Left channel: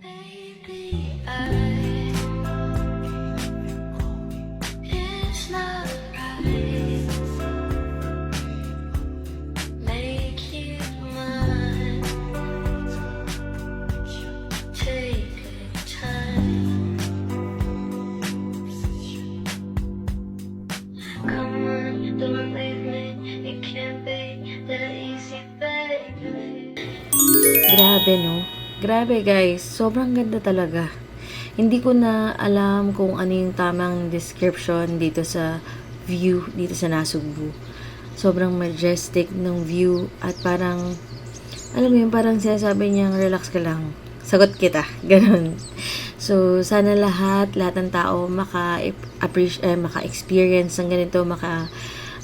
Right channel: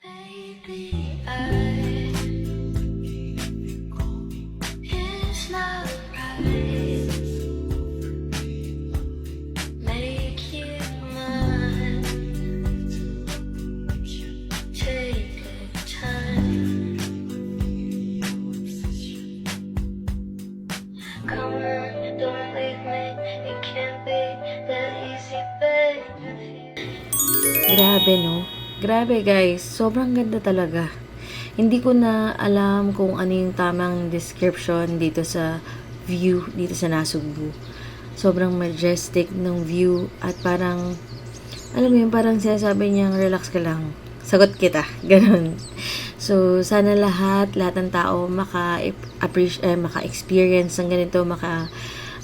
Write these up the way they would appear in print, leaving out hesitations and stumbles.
Baby, it's not right. Make it mine. Take your time. Come on, don't leave me. It can't be that easy, baby. Grabe, no? Grabe, guys. Sobrang ganda talaga. Hindi ko na alam kung ano yung tamang description dito sa view, dito sa Nasugbu. Sobrang majestic ng view at parang, alam mo yun, parang sinasabi niyang relax ka lang. Sagot kita. Ganun. So, sana lahat ng tao maka-experience ng ganito,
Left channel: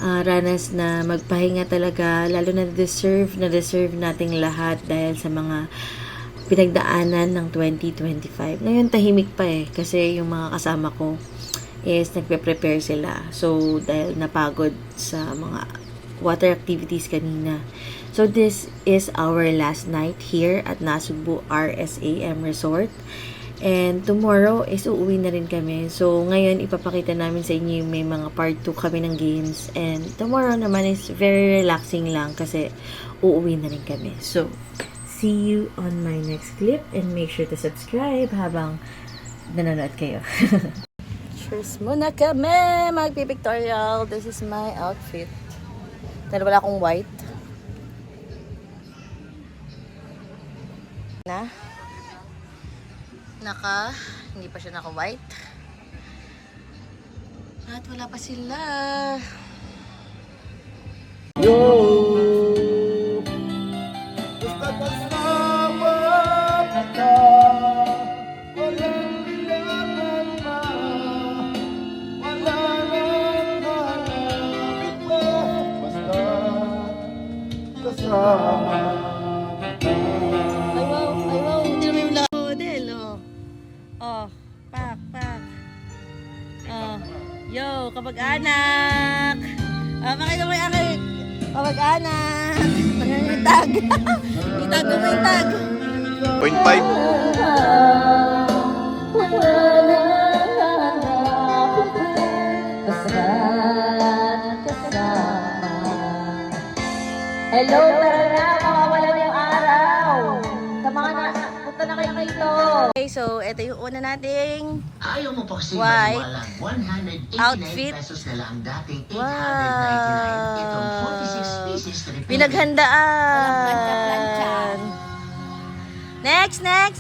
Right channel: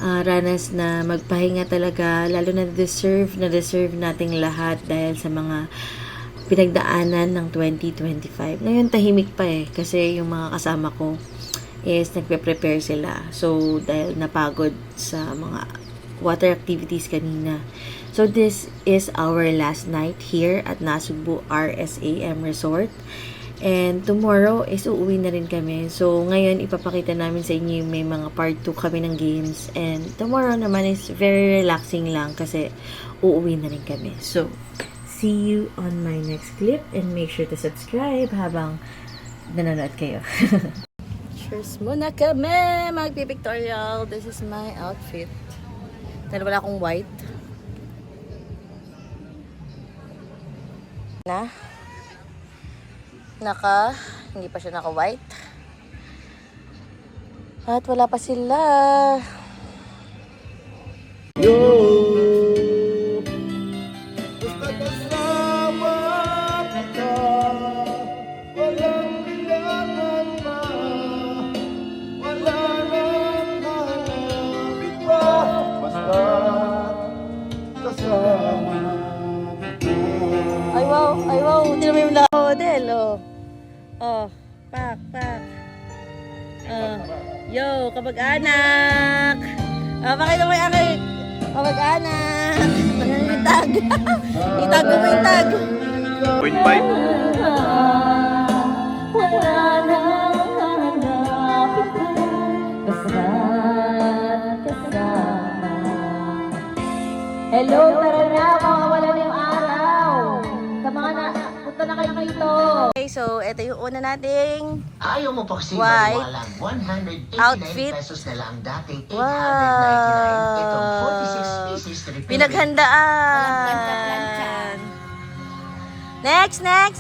ranas na magpahinga talaga, lalo na deserve nating lahat dahil sa mga pinagdaanan ng 2025. Ngayon tahimik pa kasi yung mga kasama ko is nagpe-prepare sila. So dahil napagod sa mga water activities kanina. So this is our last night here at Nasugbu RSAM Resort. And tomorrow is uuwi na rin kami. So, ngayon, ipapakita namin sa inyo yung may mga part 2 kami ng games. And tomorrow naman is very relaxing lang kasi uuwi na rin kami. So, see you on my next clip and make sure to subscribe habang nanonood kayo. Cheers muna kami! Magpipictorial. This is my outfit. Dahil wala akong white. Hindi pa siya naka-white. At wala pa sila. Basta kasama kita, walang kailangan pa, wala nang hanapin pa. Basta kasama kita. Ay wow, hindi naman yung model, oh. Oh, pak. Yo, kapag-anak. Pakita mo yung aking kapag-anak. Itag. Itag mo yung itag. 0.5. Hello, tara na. Mawawala na yung araw. Sa mga punta na kayo dito. Okay, so ito yung una nating white outfit. Wow! Pinaghandaan. Next na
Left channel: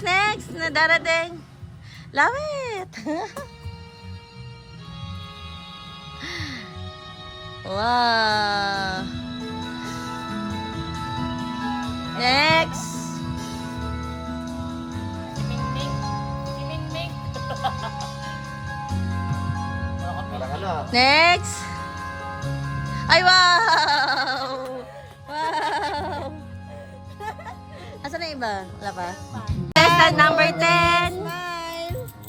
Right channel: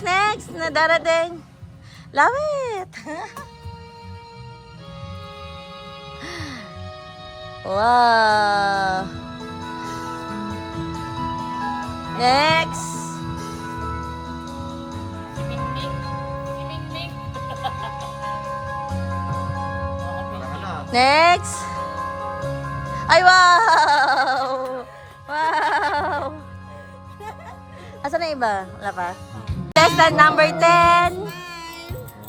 darating. Love it. Wow. Next. Si Ming. Next. Ay, wow! Wow! Asan na iba? Wala pa? Contestant number 10.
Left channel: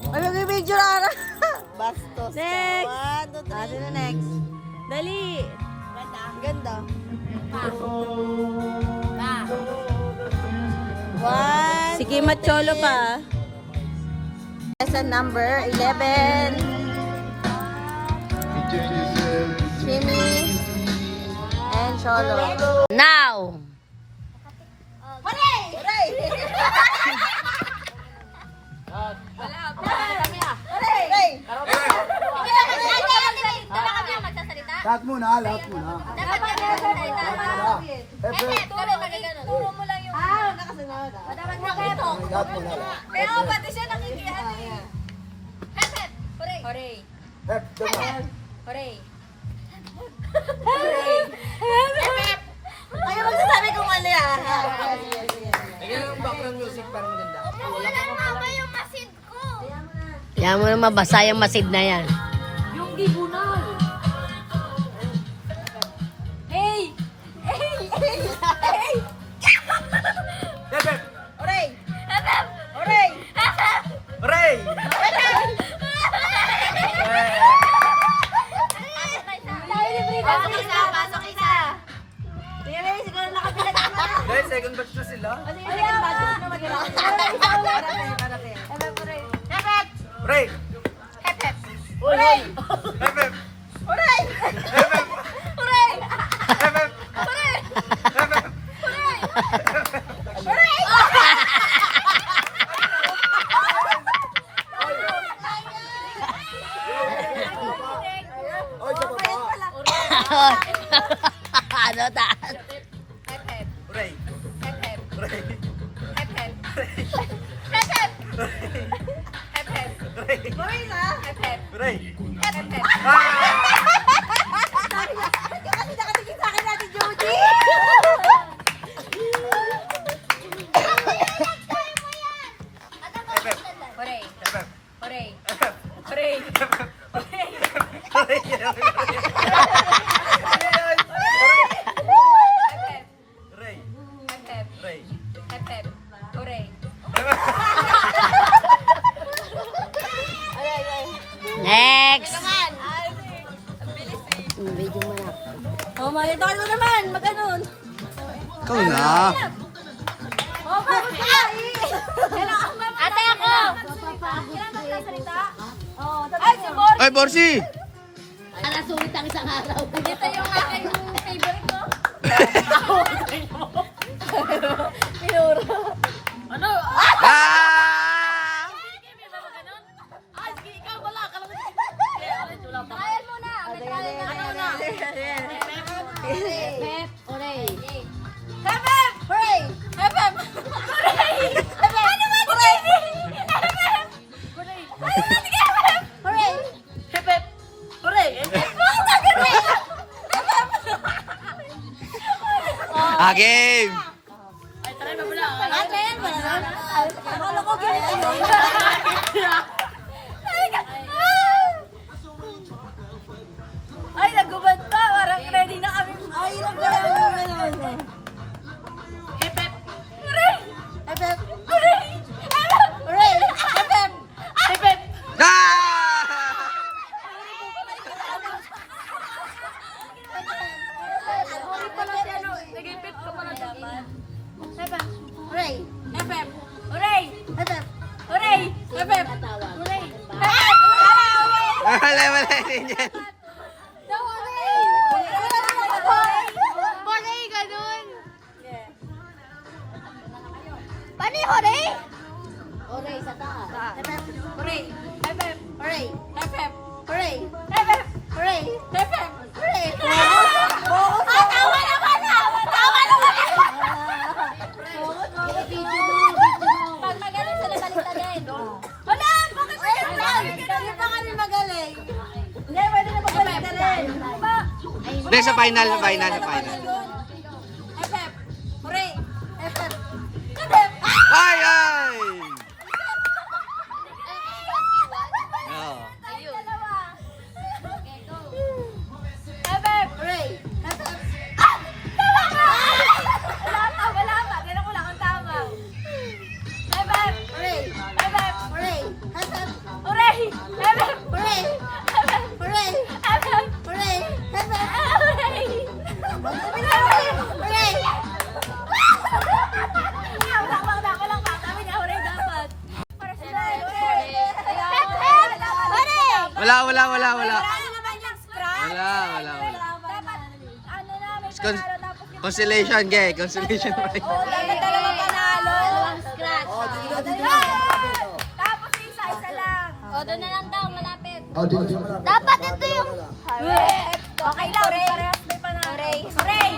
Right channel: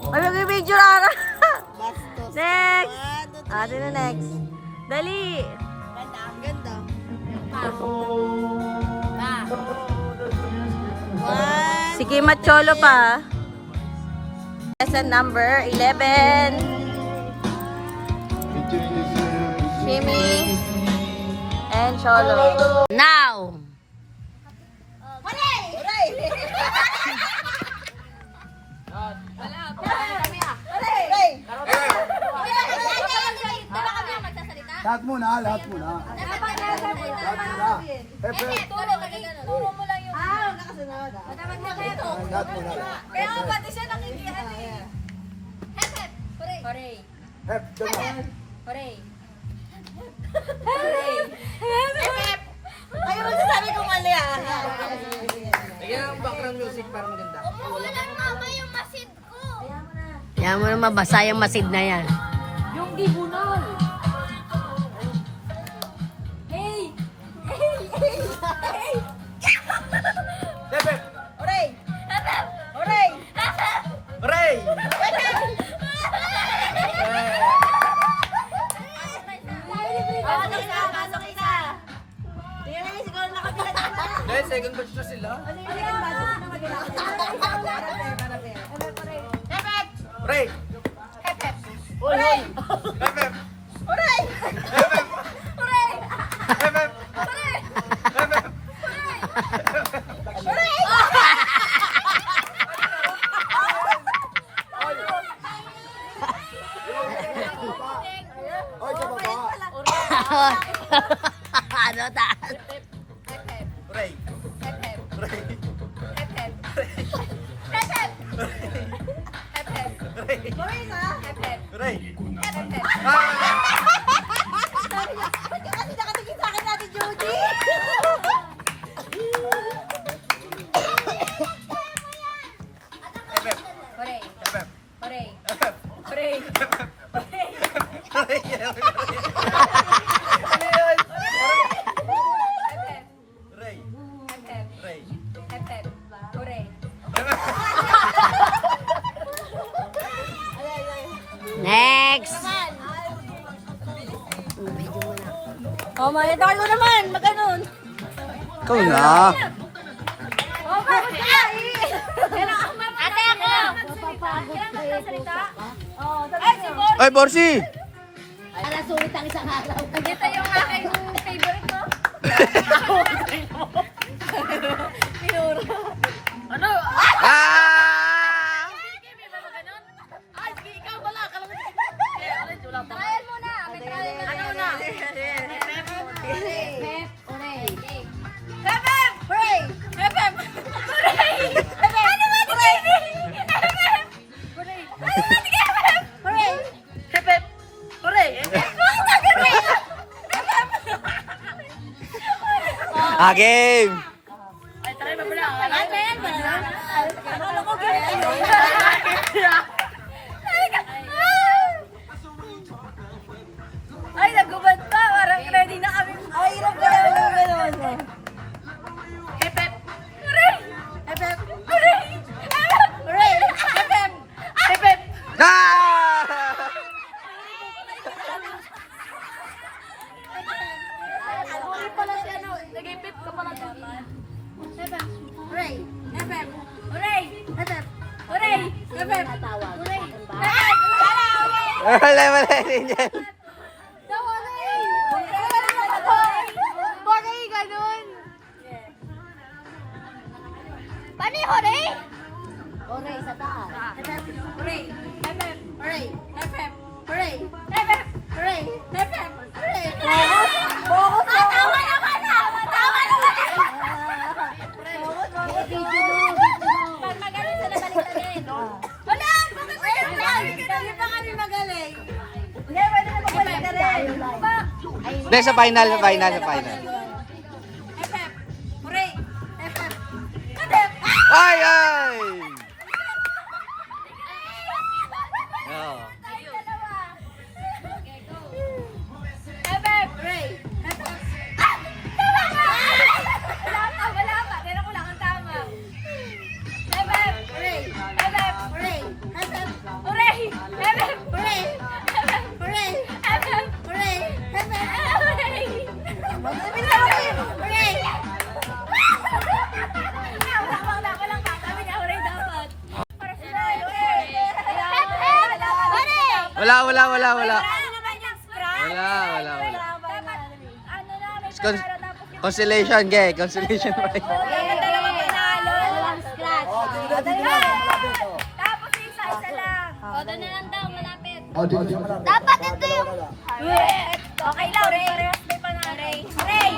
Ano yung video na? Bastos. Next. One, two, three. Atin na next. Dali. Ganda. One. Si Kim at Cholo pa. Contestant number 11. Jimmy and Cholo. Now! Hooray! Lahat muna. Turo mo lang yung... nakasunod. Lahat muna. Kaya pati siya nakikihan eh. Hep! Hooray! Hep, doon na. Hooray! Hep! Ayaw magsasabi kung ano yan. Lagyan ng background music para maganda. Umuulan mama yung masid ko. Yan mo na mabasa yung masid na yan. Yung gibunol. Hey! Debet! Hooray! Hooray! Ray! Pasok isa! Tingnan mo siguro nakabilang naman. Dahil second batch na sila. Second batch na naman. Hooray! Hep hep. Hooray! Hep hep! Hooray! Hep hep! Hooray! Hep hep! Hooray! Hep hep! Hooray! Oy, sa baba. Ano ta? Hep hep. Hooray! Hep hep. Hooray! Hep hep. Hep hep. Hep hep. Hooray! Hooray na. Hep hep. Hooray! Hep hep. Ah! Sabi niya, ba't ka kasi nakatingin sa akin natin, Judy? Hep hep! Hooray! Hep hep! Hooray! Hep hep! Hooray! Hep hep! Hooray! Hooray! Hep hep. Hooray! Hep hep. Hooray! Hep hep. Hooray! Next! Oh, manadal mo naman, mag-anon. Ikaw na. Oh, bakit ka? Kailangan magsasalita. Kailangan magsasalita. Oh, ay, si Bor. Ay, Borsi! Dito yung aking favorite mo. Pinuro. Ano? Ah! Ay, ikaw wala ka lang. Trial muna. May trial na. Ano na? Hep hep! Hooray! Hep hep! Hooray! Hep hep! Ano ba? Hooray! Hep hep! Hooray! Ano ba? Sige, hep hep! Hooray! Hep hep! Hooray! Hep hep! Hooray! Hep hep! Ah, game! Ay, try mo pala. Ah, trial mo na? Akala ko ganyan. Ay, nagubad pa. Parang ready na kami. Ay, nagubad. Hep hep. Hooray! Hep hep. Hooray! Hooray! Hep hep. Hep hep. Ah! Hooray pala si ano. Nagipit ko pala dapat. Hep hep. Hooray! Hep hep. Hooray! Hep hep. Hooray! Hep hep. Hooray! Hep hep. Wala, wala din yan. Hooray, ganun. Paano yung hooray? Hooray sa taas. Hep hep. Hooray. Hep hep. Hooray. Hep hep. Hooray. Hep hep. Hooray. Hep hep. Hooray. Ah, tawa naman! Tawa naman! Pag magaling sila, balik din. Wala! Bakit magaling lang? Hindi pa kami magaling. Hindi, pwede na magbalik na rin. Diba? Hindi, sa final, sa final, sa final. Hep hep. Hooray. Hep hep. Hep hep. Ay, ay! Oo. Tayo dalawa. Okay, go. Hep hep. Hooray. Hep hep. Ah! Tama ka! Wala pa. Tignan ko lang kung tama. Hep hep. Hooray. Hep hep. Hooray. Hep hep. Hooray. Hep hep. Hooray. Hep hep. Hooray. Hep hep. Hooray. Hep hep. Hooray. Hooray. Walang pa. Sabi niya, hooray dapat. Para sila. Hooray. Wala, wala, wala, wala. Ano naman yung scratch? Wala, wala, wala. Dapat, ano na, may Con- panalo tapos yung... Constellation, gay. Constellation prize. Oh, dapat dalawa panalo. Scratch. Oh, di na, di na. Tapos isa-isa lang. O, doon na lang daw, malapit. Oh, di na. Dapat ito yung... Okay lang, parehas may panalo. Hooray!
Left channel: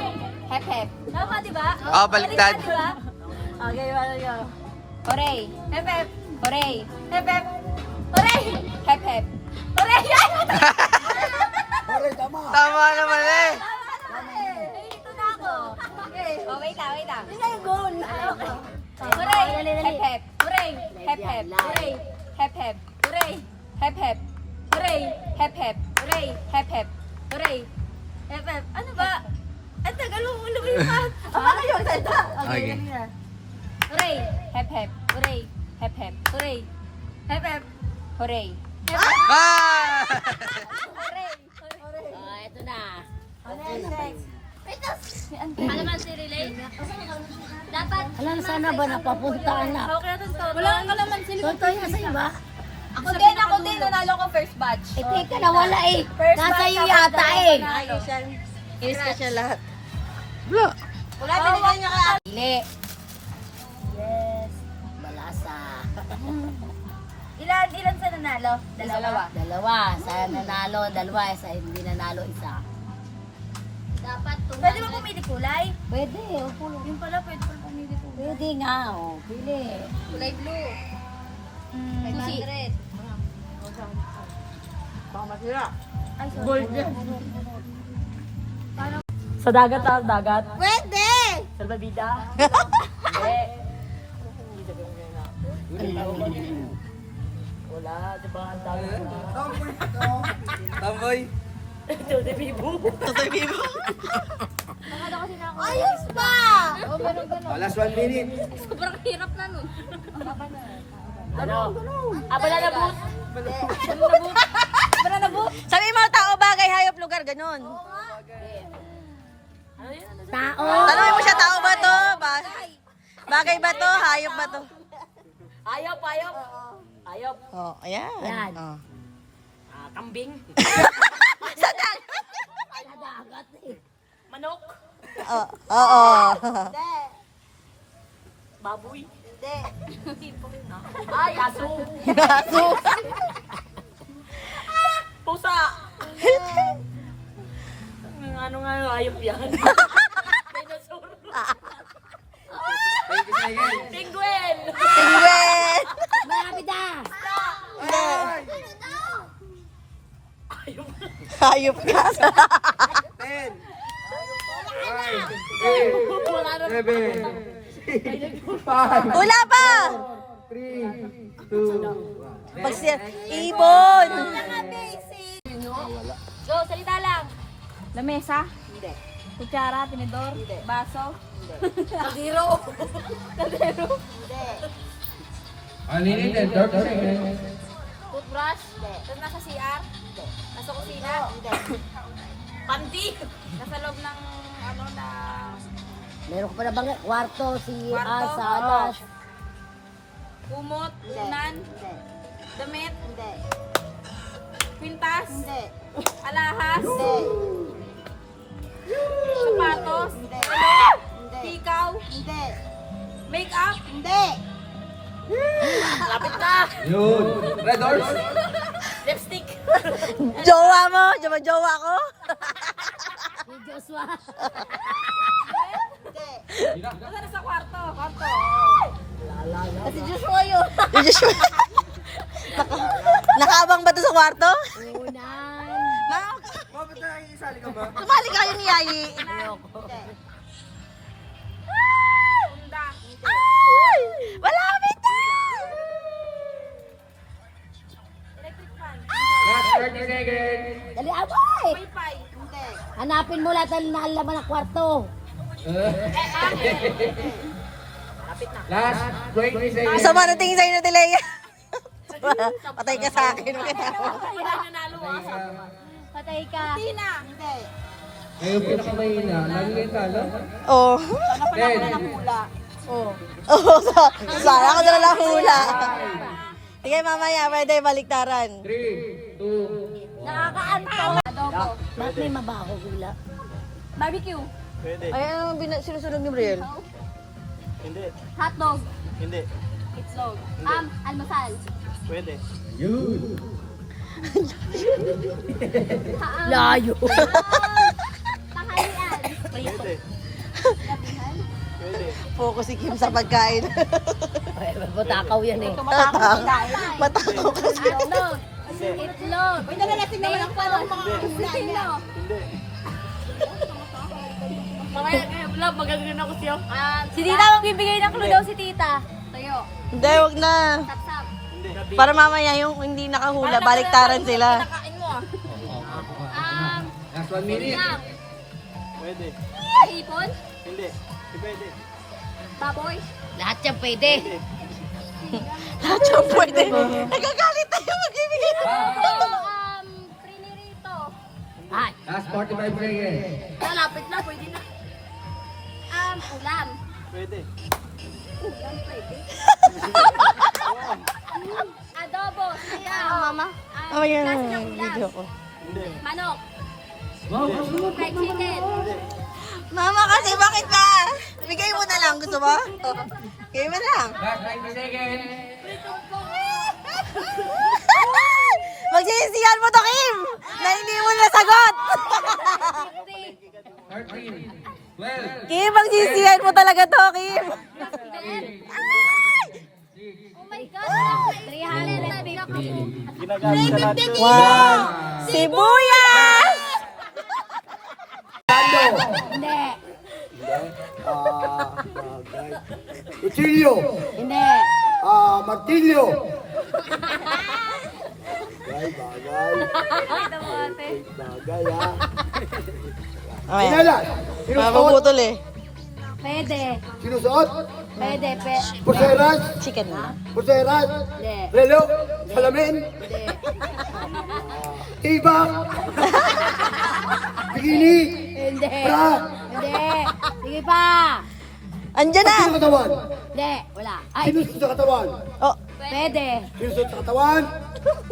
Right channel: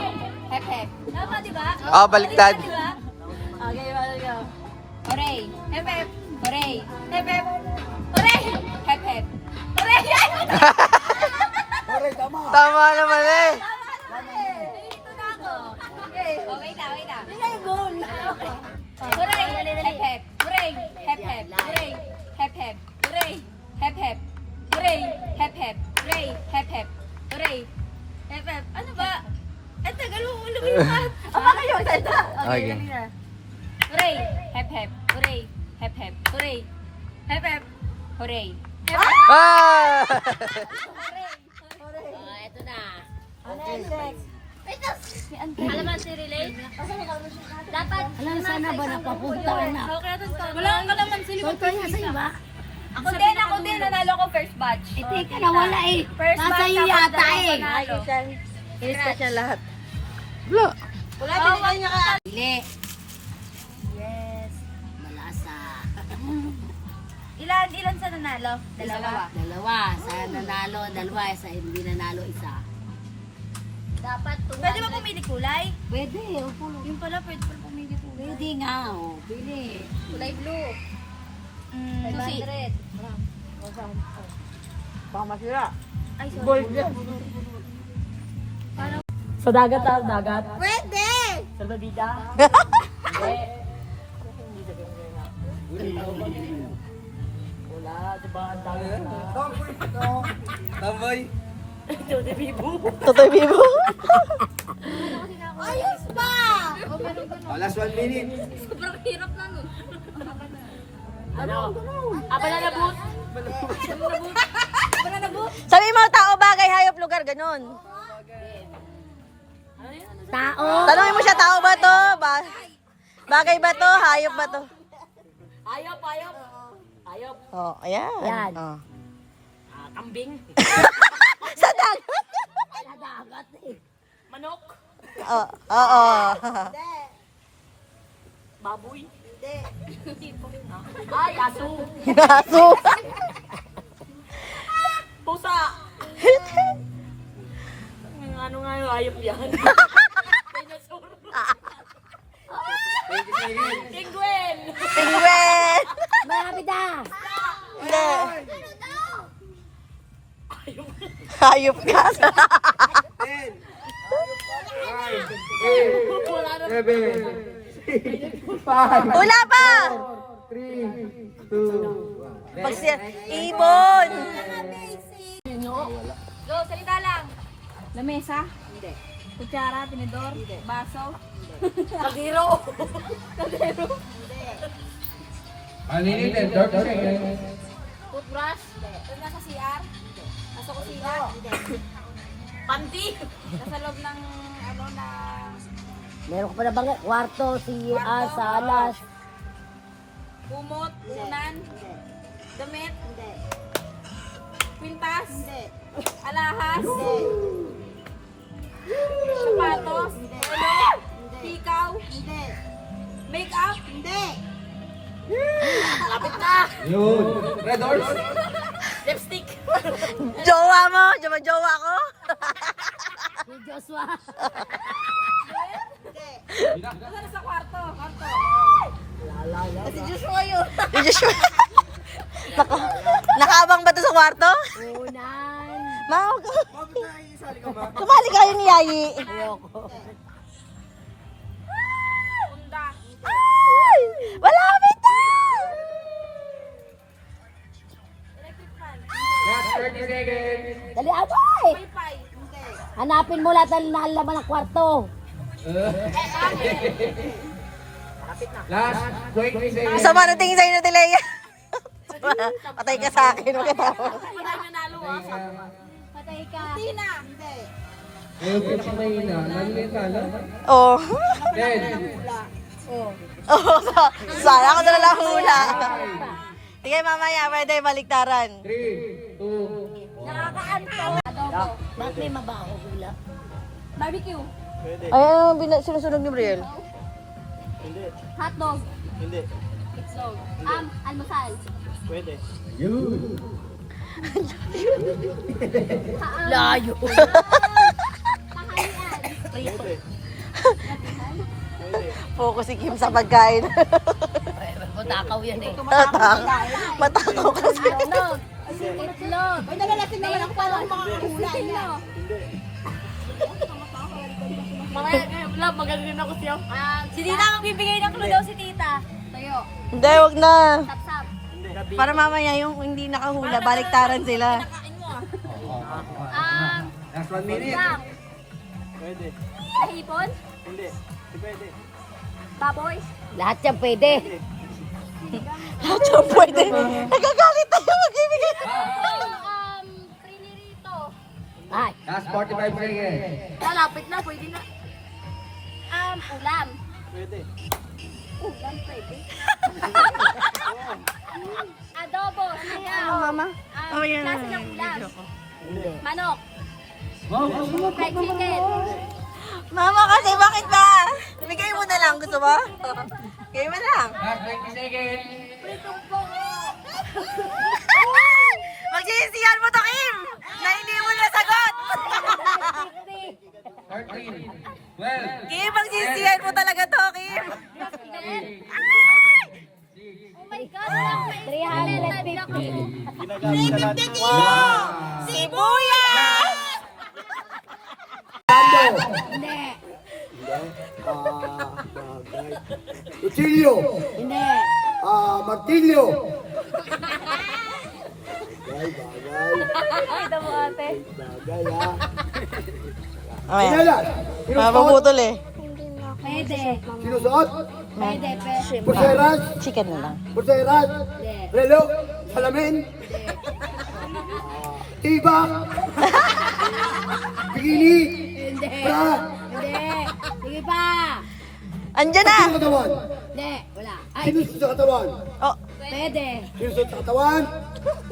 Hep hep. Tama, di ba? Oh, baliktad. Di ba? Okay, wala go. Hooray! Hep hep. Hooray! Hep hep. Hooray! Hep hep. Hooray! Hooray, tama. Tama naman eh. Tama naman eh. Nandito na ako. Okay. Oh, wait lang, wait lang. Hindi na yung goal. Okay. Hooray! Hep hep. Hooray! Hep hep. Hooray! Hep hep. Hooray! Hep hep. Hooray! Hep hep. Hooray! Hep hep. Hooray! Hep hep. Ano ba? Ang tagal mo lumipat. Ama kayo, salta. Okay. dali na. Hooray! Hep hep. Hooray! Hep hep. Hooray! Hep hep. Hooray! Hep hep. Ah! Hooray! Hooray! Ito na. Next. Wait, si Ante. Alam mo si Relay? Dapat. Alam sana ba napapunta na? Okay, natin to. Wala kang kalaman sila kung kaya sa iba. Ako din, nanalo ko first batch. Eh, teka, nawala eh. First Nasa batch iyo tapos yata dalawang eh. panalo. Wala. Wala, binigay niya ka. Pili. Yes. Malasa. Ilan sa nanalo? Dalawa. Dalawa. Sa nanalo, dalawa. Sa hindi nanalo, isa. Pwede ba pumili kulay? Pwede. Yung pala, pwede pala pumili kulay. Pwede nga, oh. Pili. Kulay blue. Susi. Ay, sorry. Sa dagat ah, dagat. Pwede! Salbabida. Wala, di ba ang dagat na? Tamboy. Tote Bibo. Totoy Bibo. Ayos ba? Oh, last 1 minute. Ano? Banana boat. Sabi mo, tao, bagay, hayop, lugar, ganun. Tao. Tanungin mo siya, tao ba to? Bagay ba to? Hayop ba to? Ayop, ayop. Ayop. Oh, ayan. Yan. Oh. Kambing. Sa dagat. Sa dagat eh. Manok. Oo. Baboy. Ay, aso. Aso. Pusa. Ano nga yung ayop yan? Dinosaur. Thank you, Megan. Penguin. Penguin. Malapit na. Hindi. Hayop ka. 10. 9. 8. Wala na. 7. 5. Wala pa. 3. 2. Pag siya, ibon. Go, salita lang. Lamesa? Hindi. Kutsara, tinidor? Hindi. Baso? Kagiro. Kaldero? Unlimited, 30 seconds. Toothbrush? Hindi. Tapos nasa CR? Hindi. Nasa kusina? Hindi. Panty. Nasa loob ng, ano, na... Meron ko pa na bang kwarto, CR, Kwarto? salas. Kumot? Unan? Hindi. Damit? Hindi. Kwintas? Hindi. Alahas? Hindi. Sapatos? Hindi. Tikaw? Hindi. Make-up? Hindi. Lapit na. Yun. Red horse. Lipstick. Jowa mo? Jowa ko? Si Joshua. Nasa nasa kwarto? Kwarto. Kasi Joshua yun. Nakaabang ba to sa kwarto? Unan. Bakit na isali ka ba? Sumali ka yung yayi. Unda. Ay! Malapit na! Electric fan. Last 30 seconds. Dali, abay! Wi-Fi. Hindi. Hanapin mo lahat ng nalaman ng kwarto. Last 20 seconds. Sama na tingin sa'yo na Tilea. Patay ka sa akin. Huwag ka tawa. Patay nanalo ah. Patay ka. Tina. Hindi. Ngayon pinakamahina. Lagi kayo talo. Oo. 10. Oo. Sayang ko na lang hula. Tingnan mamaya, pwede baliktaran. 3, 2, 1. Adobo. Bakit may mabaho hula? Barbecue. Ay, ano sinusunog ni Briel? Hotdog. Hindi. Itlog. Almasal. Yun. Layo. Tanghalian. Gabihan. Focus si Kim sa pagkain. Matakaw yan eh. Matakaw kasi. Hotdog. Itlog. Pwede na natin naman ang parang mga hula niya. Mamaya, love, magagawin ako siya. Si Tita magbibigay ng clue daw si Tita. Tayo. Hindi, wag na. Tap-tap. Para mamaya yung hindi nakahula, baliktaran sila. Kain mo. Last 1 minute. Lang. Pwede. Hipon? Hindi. Pwede. Baboy? Lahat yan pwede. Lahat yung pwede. Nagagalit tayo magbibigay. Prinirito. Ay, Last 45 seconds. Malapit na, pwede na. Ulam. Ulam pwede. Adobo. Sige. Oh, yan. Klase ng ulam. Video ko. Manok. Fried chicken. Mama, kasi bakit ba? Bigay mo na lang. Gusto mo? Bigay mo na lang. Magsisisihan mo to, Kim! Na hindi mo nasagot! Kim, magsisisihan mo talaga to, Kim! Oh my God, wala ko 300. Sibuyas! Hindi. Bagay. Kutsilyo. Hindi. Martilyo. Bagay. Bagay, ha. Sinalas. Sinusuot. Mapaputol eh. Pwede. Sinusuot. Pwede. Pulseras. Chicken mo lang. Pulseras. Hindi. Relo. Salamin. Tiba. Bikini. Hindi. Bra. Hindi. Sige pa. Andyan na! Sino sa katawan? Hindi. Wala. Ay, Sino sa katawan? Oh, pwede. Sino sa katawan?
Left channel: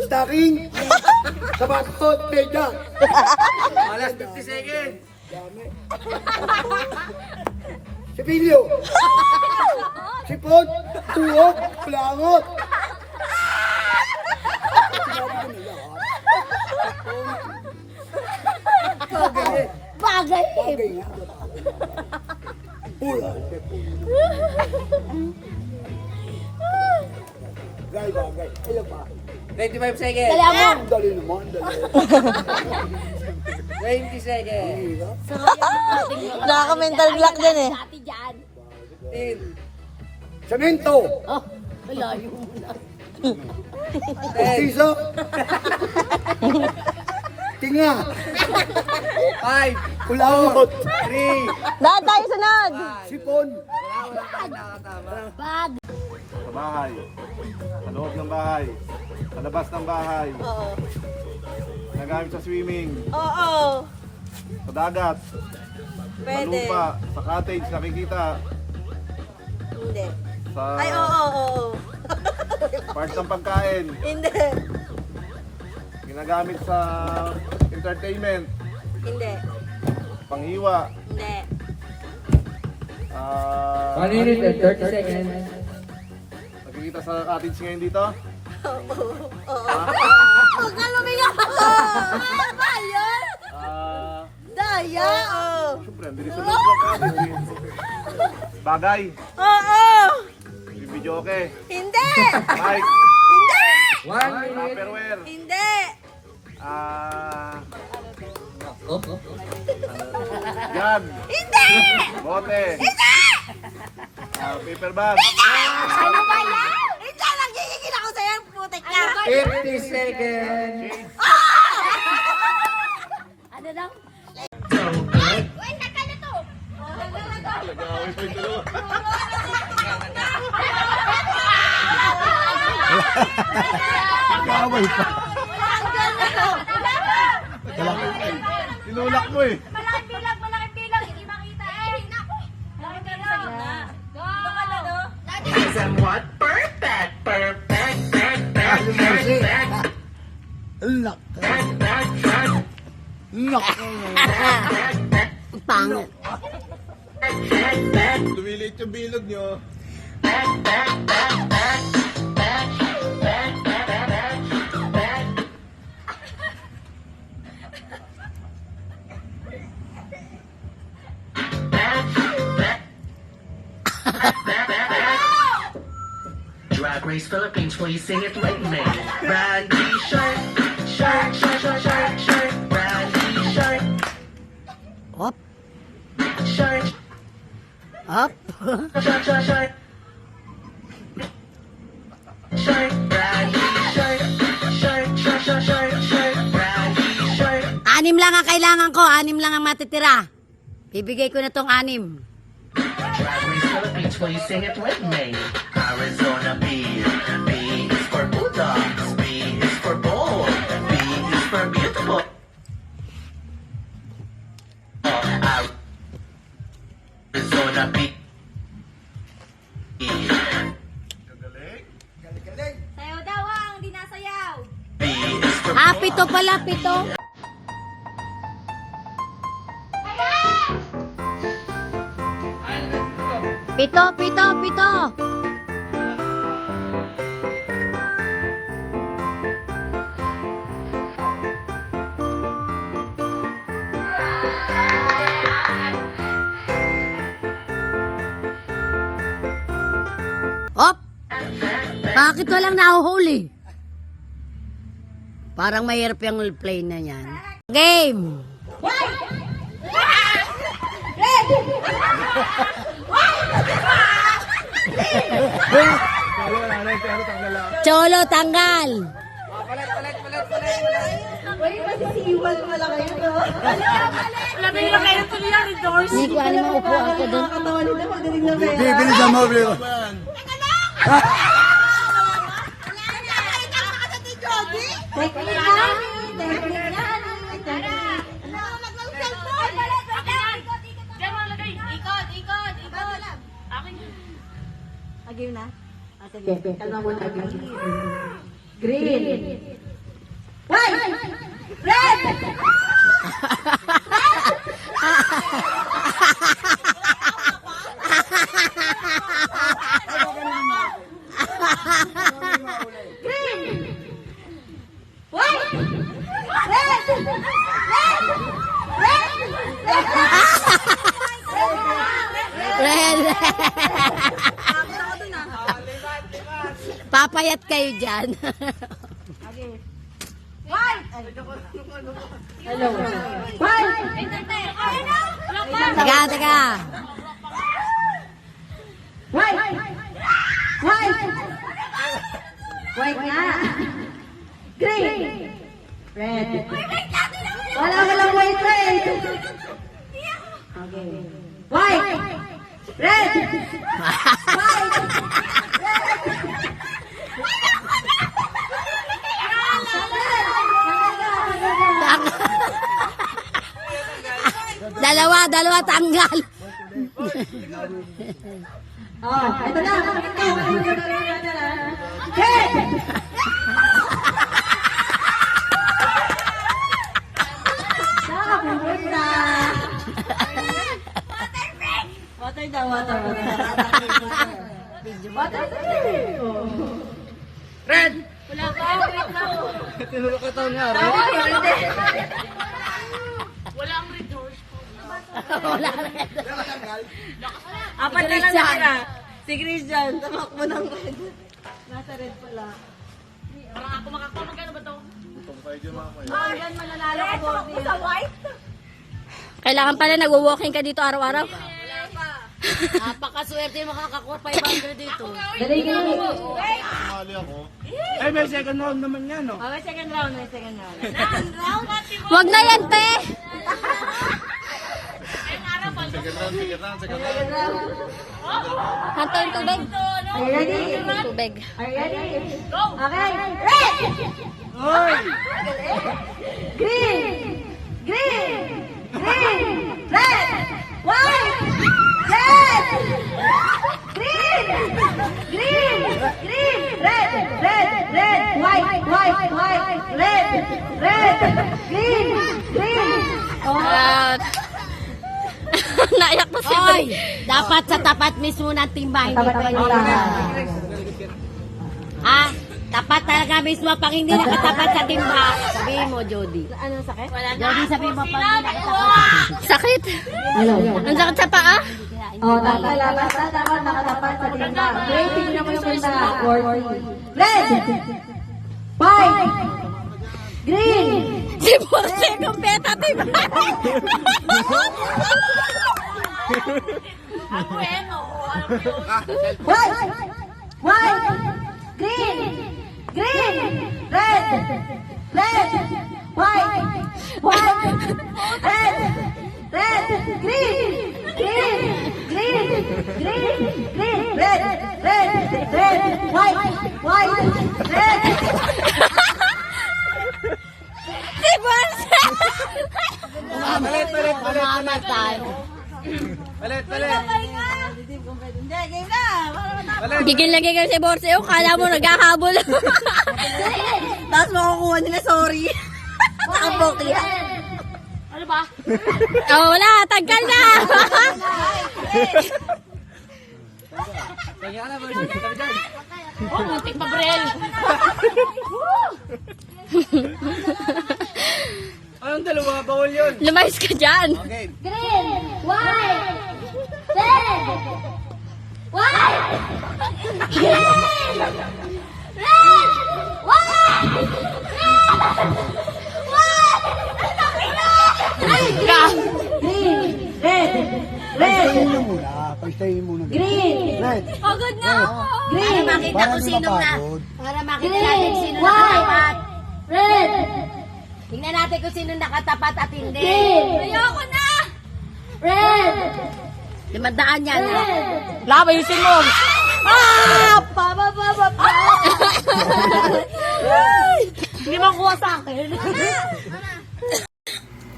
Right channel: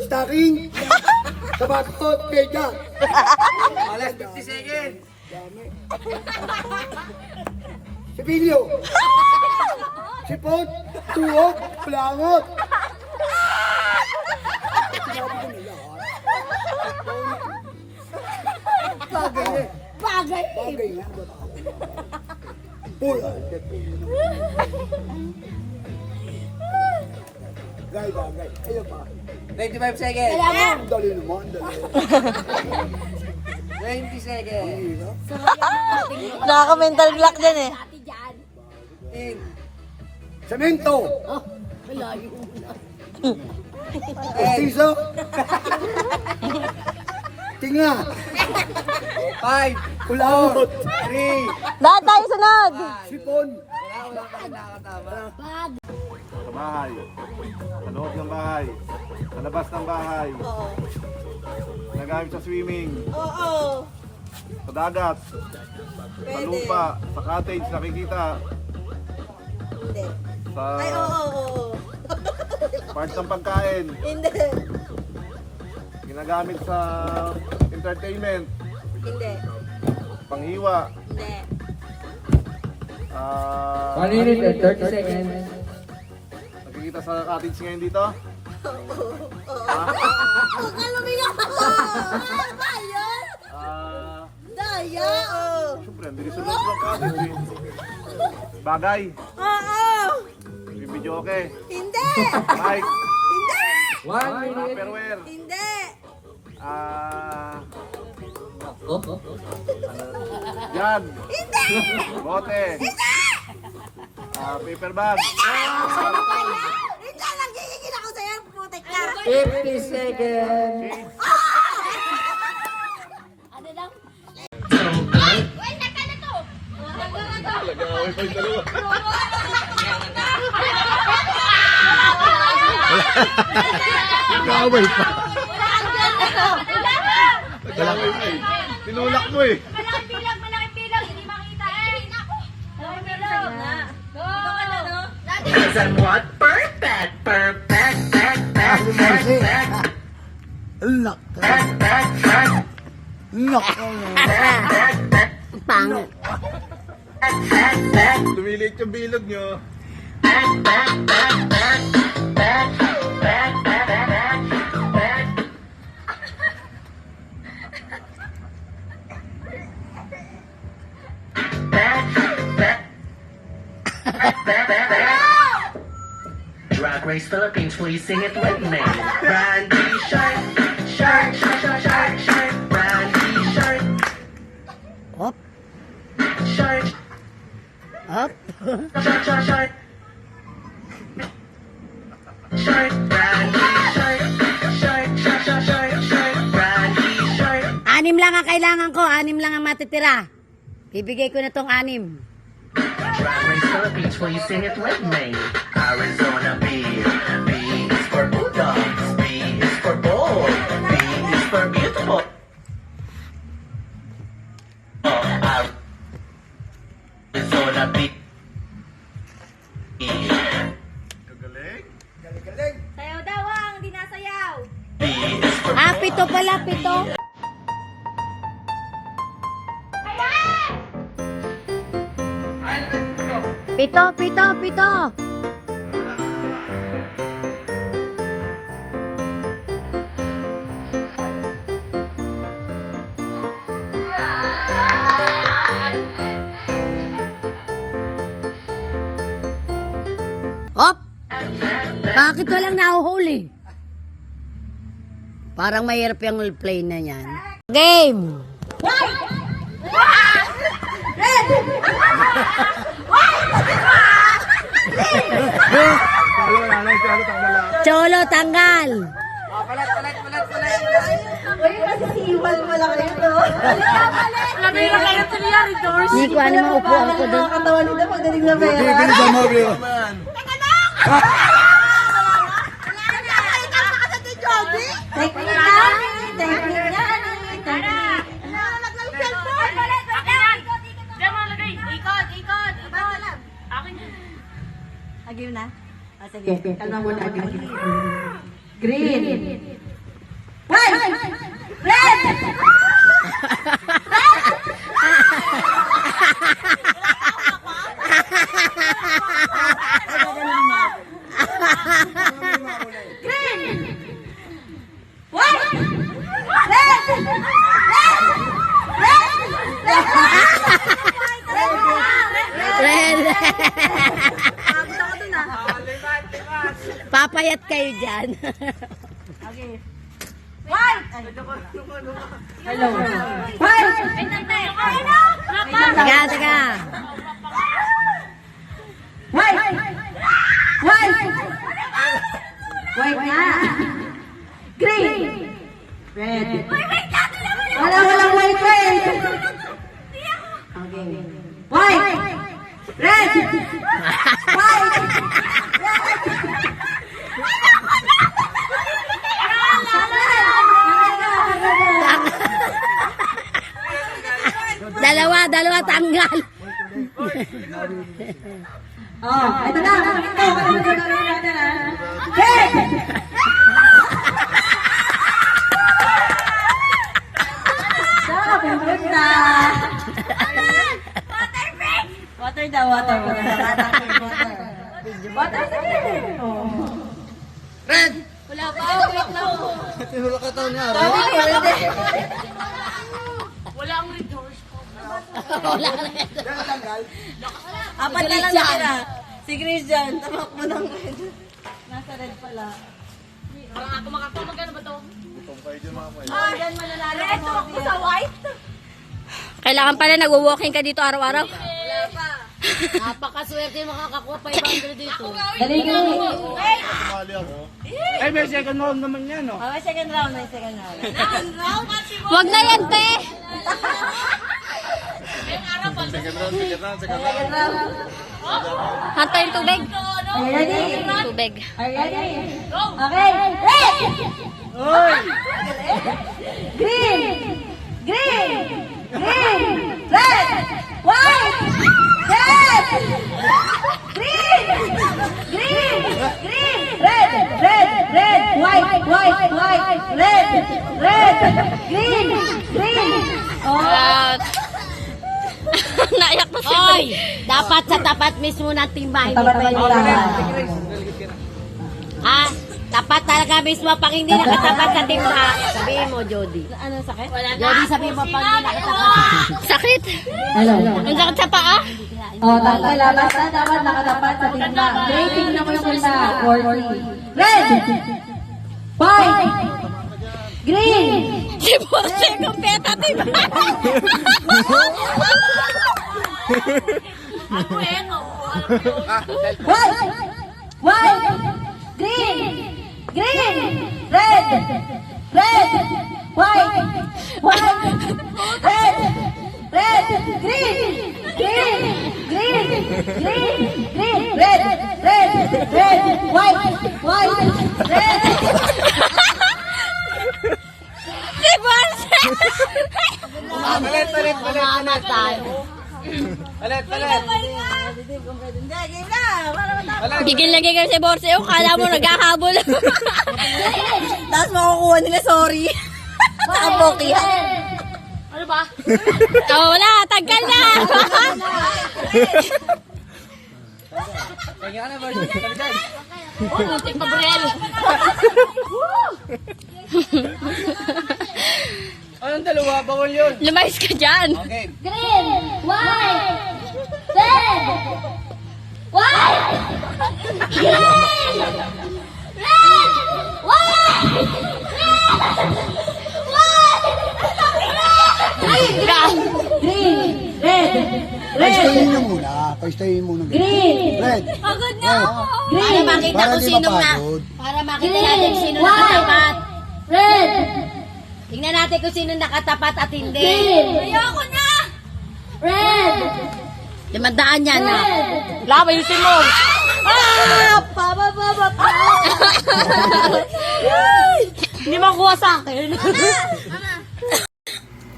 Stocking. Sabatot. Peda. Alas 50 seconds. Sibilyo. Sipot. Tuwok. Plangot. Sinabi ko na lahat. Bagay. Bagay. Bagay nga. Pula. Bagay. Ayaw pa. 25 seconds. Kaya mo. Dali naman. Dali. 20 seconds. nakaka-mental block dyan eh. Dati dyan. 10. Semento. Oh, malayo mo na. Piso. Tinga. 5. Kulangot. 3. Lahat tayo sunod! Sipon. Wala pa nakakatama. Bag. Sa bahay, sa loob ng bahay, sa labas ng bahay, Oo. nagamit sa swimming, Oo. sa dagat, sa Pwede. lupa, sa cottage, nakikita, Hindi. sa Ay, oo. parts ng pagkain, Hindi. ginagamit sa entertainment, Hindi. panghiwa, Hindi. 1 minute and 30 seconds. nakikita sa cottage ngayon dito. Huwag ka lumiyak! Ano yun? Daya! Oo. Siyempre, hindi rin sa loob ng cottage eh. Bagay, Oo! video okay, Hindi! mic, Hindi! 1 minute. tupperware, Hindi! jug, Hindi! bote, paper bag, Ano ba yan? Hindi! Nagigigil ako sa'yo! Putik ka! 50 seconds. shades, Ano lang? Uy, naka na to. Kaaway pa. tinulak mo eh. Malaking bilang. Hindi makita. Nako. Malaking bilang. Go. Ano mo si? Lock. Lock. Pangit. Lumilit yung bilog nyo. Drag Race Philippines, please sing it with me. Randy Shark, Shark, Shark, Shark, Shark, Shark, Randy Shark. Up. Shark, Up. Shark, Shark, Shark. Shark, Randy Shark, Shark, Shark, Shark, Shark, Shark, Randy Shark. 6 lang ang kailangan ko, 6 lang ang matitira. Bibigay ko na tong 6. Drag Race Philippines, please sing it with me. Arizona B. B is for bulldogs. B is for bold. B is for beautiful. Oh, Arizona B. Sayaw daw ang, hindi nasayaw. B is for pito pala, pito. Pito, pito, pito. Hop! Bakit walang nahuhuli? Parang mahirap yung play na yan. Game! Cholo, tanggal! Hindi ko ano maupuan ko doon. Bilisan mo, bro. Papayat kayo dyan. Taga. Dalawa tanggal. Tinulak ka taon niya, Walang resource ko. Apat na lang natira. Si Christian, tamakbo ng red. Nasa red pala. Parang ako makakuha. Magkano ba to? Diyan mo nanalo ka, Morty. Sa white? Kailangan pala nagwo-walking ka dito araw-araw. Napakaswerte makakakuha 500 dito. Ay, may second round naman yan, no? Oh, may second round. Wag na yan, te! Ngayong araw pa. Hantay yung tubig. Tubig. Go! Okay. Oy! Naiyak mo siya. Dapat sa tapat mismo ng timba. Hindi ko Ah, tapat talaga mismo. Pag hindi nakatapat sa timba, sabihin mo, Jody. Anong sakit? Jody, sabihin mo pag hindi nakatapat. Sakit? Ang sakit sa paa? Basta dapat nakatapat sa timba. Rating naman sila sa 40. Red! White! Green! Si Bosse, kumpeta timba. Ako eh, no? White! White! Green! Green! Red! Red! White! White! Red! Red! Green! Green! Green! Green! Green! Red! Red! Red! White! White! Red! Si Bosse! Bigil lagi ka si Bosse. Kala mo naghahabol. Tapos makukuha nila, sorry. nakapoki yan. Ano ba? Oh, wala, tanggal na. Oh, muntik pa, Brel. Ayun, dalawa. Bawal yun. Lumayas ka dyan. Okay. Green, white, red, white, green, red, white, Paistayin nyo muna. Paistayin muna. Green. Red. Pagod na ako. Para makita Para kung di sino na. mapagod. Para makita natin sino nakatapat. Red, Tingnan natin kung sino nakatapat at hindi. green, ayoko na. Red, Limandaan yan na. Laba yung mo. Hindi makuha sa akin.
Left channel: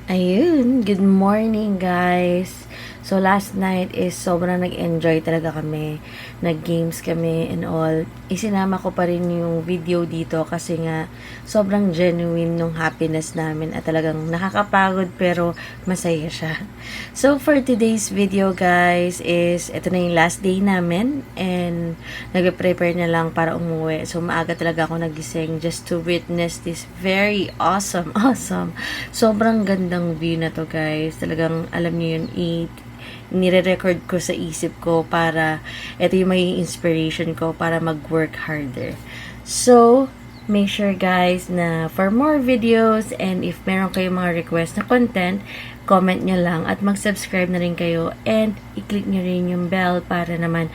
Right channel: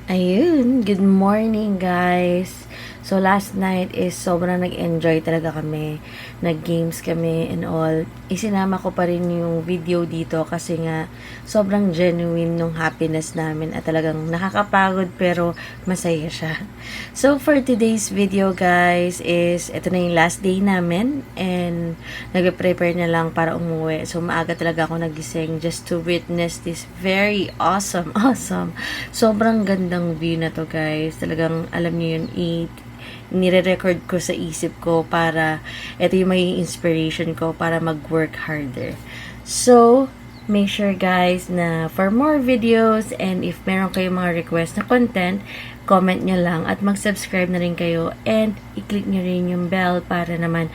Ayun, good morning guys. So last night is sobrang nag-enjoy talaga kami. Nag-games kami and all. Isinama ko pa rin yung video dito kasi nga sobrang genuine nung happiness namin at talagang nakakapagod pero masaya siya. So for today's video guys is ito na yung last day namin and nag-prepare na lang para umuwi. So maaga talaga ako nagising just to witness this very awesome. Sobrang gandang view na to guys. Talagang alam niyo yun, nire-record ko sa isip ko para ito yung maging inspiration ko para mag-work harder. So, make sure guys na for more videos and if meron kayong mga request na content, comment nyo lang at mag-subscribe na rin kayo and i-click nyo rin yung bell para naman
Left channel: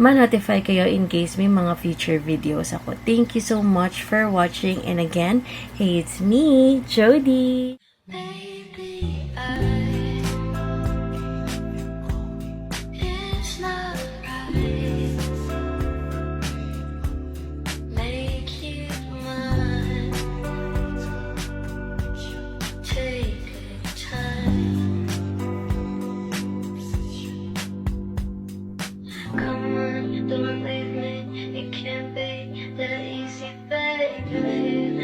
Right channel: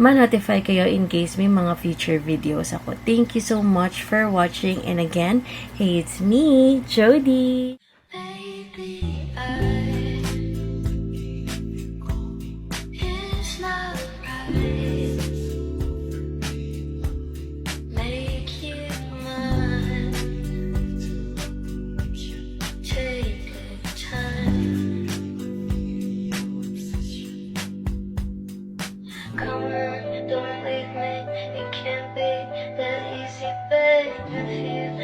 ma-notify kayo in case may mga future videos ako. Thank you so much for watching and again, hey, it's me, Jody! Baby.